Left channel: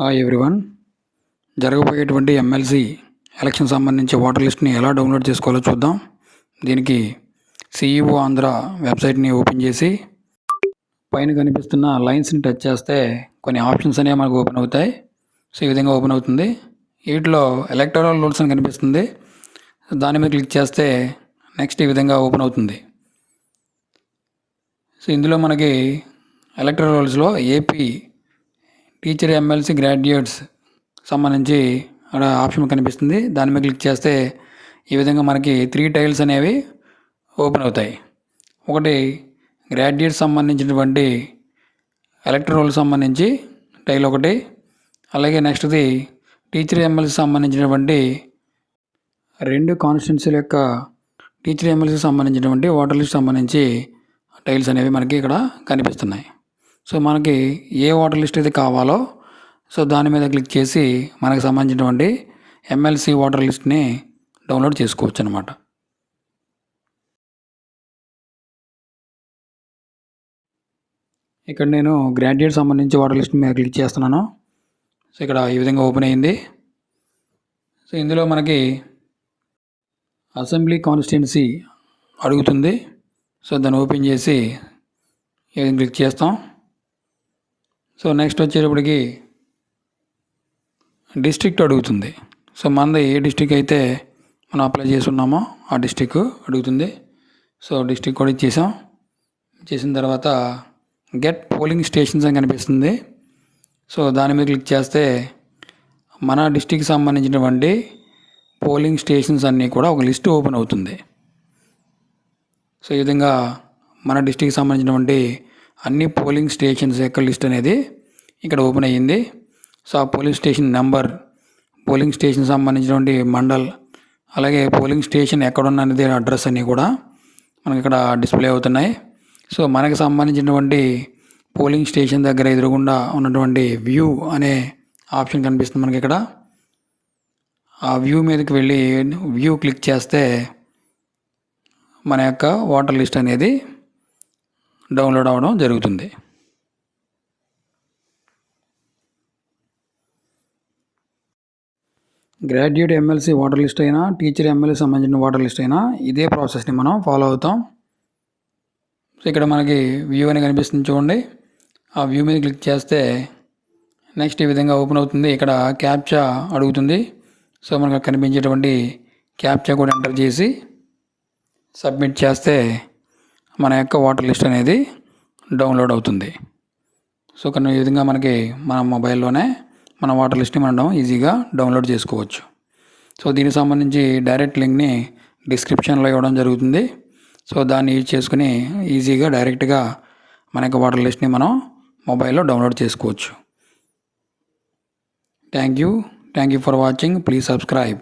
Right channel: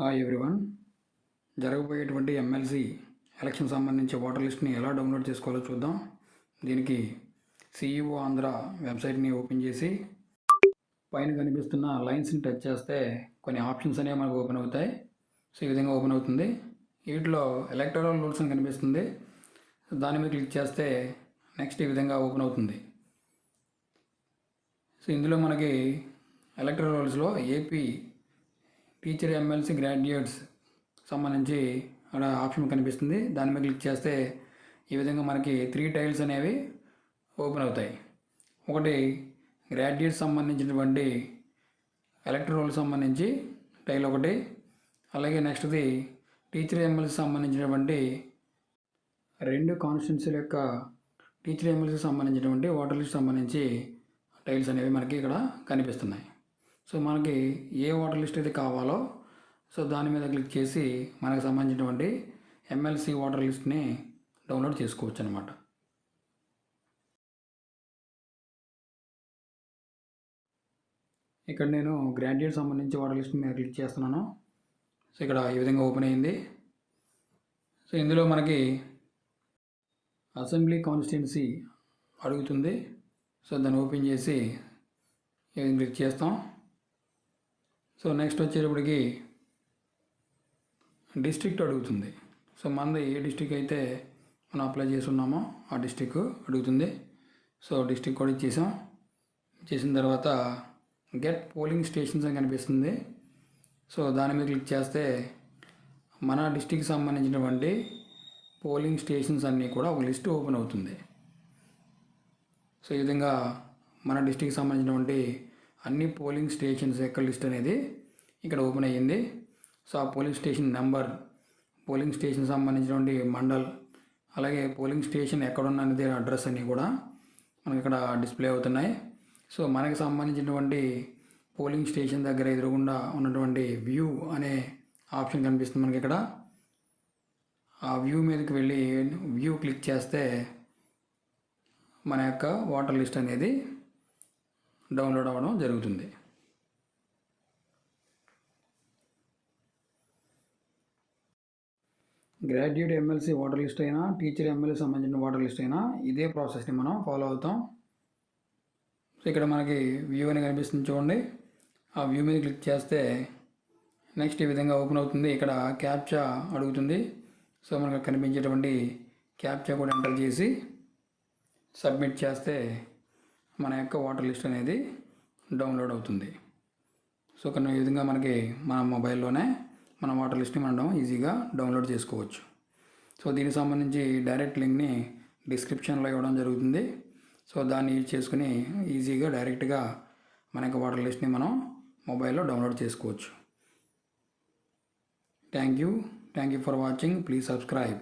Hi everyone. జరగబోయేటువంటి MLC election సంబంధించి voter లిస్ట్ని ఎలా డౌన్లోడ్ చేసుకోవాలో చూద్దాం. దీనికి సిఈఓ ఆంధ్ర వెబ్సైట్ని ఓపెన్ చేసి పైన కనిపిస్తున్న లైన్స్ని టచ్ చేస్తే కొన్ని ఆప్షన్స్ అనేవి మనకు ఓపెన్ అవుతాయి. సో ఈ విధంగా ఓపెన్ అవుతుంది. వీటిలో ఎలక్టరల్ రూల్స్ అని కనిపిస్తుంది. దాని మీద క్లిక్ చేస్తే నెక్స్ట్ ఈ విధంగా ఓపెన్ అవుతుంది. సో ఇందులో మనకి ఎలక్టరల్ రూల్స్లో ఏపీ టీచర్ ఎమ్మెల్సీ గ్రాడ్యుయేట్స్ సంబంధించి అక్కడ ఆప్షన్ కనిపిస్తుంది. దాని మీద క్లిక్ చేస్తే ఈ విధంగా మనకి 3 టైల్స్ అనేవి ఓపెన్ అవుతాయి. ఒకటి గ్రాడ్యుయేట్స్ సంబంధించినటువంటి ఎలక్టరల్ రోల్ సంబంధించి టైల్ ఒకటి, అలాగే నెక్స్ట్ది టీచర్ ఎమ్మెల్సీ సంబంధించినటువంటి 2 కాన్స్టిట్యున్సీల యొక్క టీచర్ ఎమ్మెల్సీ సంబంధించినటువంటి ఓటర్ లిస్ట్ సంబంధించి టైల్స్ అనేవి మనకి ఇక్కడ కనిపిస్తున్నాయి. సో మనకి ఏ ఓటర్ లిస్ట్ అయితే కావాలో సో దాని మీద క్లిక్ చేసి మనకు సంబంధించినటువంటి ఎమ్మెల్సీ ఓటర్ లిస్ట్ని డౌన్లోడ్ చేసుకోవచ్చు అనమాట. ఇక్కడ నేను గ్రాడ్యుయేట్ సంబంధించి ఓటర్ లిస్ట్ మీద క్లిక్ చేస్తున్నాను. సో ఇక్కడ ఈ విధంగా ఓపెన్ అయ్యింది. సో ఇందులో మనకి అసెంబ్లీ కాన్స్టిట్యున్సీ అడుగుతుంది. సో దాన్ని ఓపెన్ చేసి ఈ విధంగా క్లిక్ చేస్తాం. సో నెక్స్ట్ వచ్చేటప్పటికి డిస్ట్రిక్ట్ అడుగుతుంది. సో మనది ఏ డిస్ట్రిక్ట్ అయితే మనం అప్లై చేసి ఉన్నామో ఆ డిస్ట్రిక్ట్ అడుగుతుంది. సో డిస్ట్రిక్ట్ కూడా ఇచ్చేసాం. చేసిన తర్వాత గెట్ పోలింగ్ స్టేషన్స్ అని కనిపిస్తుంది. సో దాని మీద క్లిక్ చేస్తే మన డిస్ట్రిక్ట్కి సంబంధించినటువంటి పోలింగ్ స్టేషన్స్ అన్నీ కూడా ఒక లిస్ట్ ఓపెన్ అవుతుంది. సో ఈ విధంగా మన డిస్ట్రిక్ట్కి సంబంధించినటువంటి అన్ని పోలింగ్ స్టేషన్స్ యొక్క లిస్ట్ అనేది ఇక్కడ ఓపెన్ అయ్యింది. సో ఆ polling station number, polling station సంబంధించినటువంటి మండల్, అలాగే పోలింగ్ స్టేషన్ ఎక్కడున్న అనేది అడ్రస్ అన్నీ కూడా మనకి ఇక్కడ డిస్ప్లే అవుతున్నాయి. సో మనకి సంబంధించినటువంటి పోలింగ్ స్టేషన్ దగ్గర ఎదురుగుండా ఉన్నటువంటి వ్యూ అనే ఆప్షన్ కనిపిస్తుంది మనకి ఇక్కడ. ఆ వ్యూ మీదకి వెళ్ళి వ్యూ క్లిక్ చేస్తే మన యొక్క ఓటర్ లిస్ట్ అనేది డౌన్లోడ్ అవ్వడం జరుగుతుంది. గ్రాడ్యుయేట్ ఎమ్మెల్సీ ఓటర్ లిస్ట్ అయినా, టీచర్ ఎమ్మెల్సీ సంబంధించిన ఓటర్ లిస్ట్ అయినా ఇదే ప్రాసెస్ని మనం ఫాలో అవుతాం. సో ఇక్కడ మనకి వ్యూ అని కనిపిస్తుంది చూడండి. ఆ వ్యూ మీద క్లిక్ చేస్తే నెక్స్ట్ ఈ విధంగా ఓపెన్ అవుతుంది. ఇక్కడ క్యాప్చా అడుగుతుంది. సో మనకు కనిపించేటువంటి క్యాప్చా కూడా ఎంటర్ చేసి సబ్మిట్ చేస్తే మన యొక్క ఓటర్ లిస్ట్ అనేది డౌన్లోడ్ అవుతుంది. సో కొన్ని ఈ విధంగా మనకి మన మొబైల్లోనే మన ఓటర్ లిస్ట్ని మనం ఈజీగా డౌన్లోడ్ చేసుకోవచ్చు. సో దీనికి సంబంధించి డైరెక్ట్ లింక్ని డిస్క్రిప్షన్లో ఇవ్వడం జరుగుతుంది. సో దాన్ని యూజ్ చేసుకుని ఈజీగా డైరెక్ట్గా మన యొక్క ఓటర్ లిస్ట్ని మనం మొబైల్లో డౌన్లోడ్ చేసుకోవచ్చు. Thank you for watching. Please subscribe.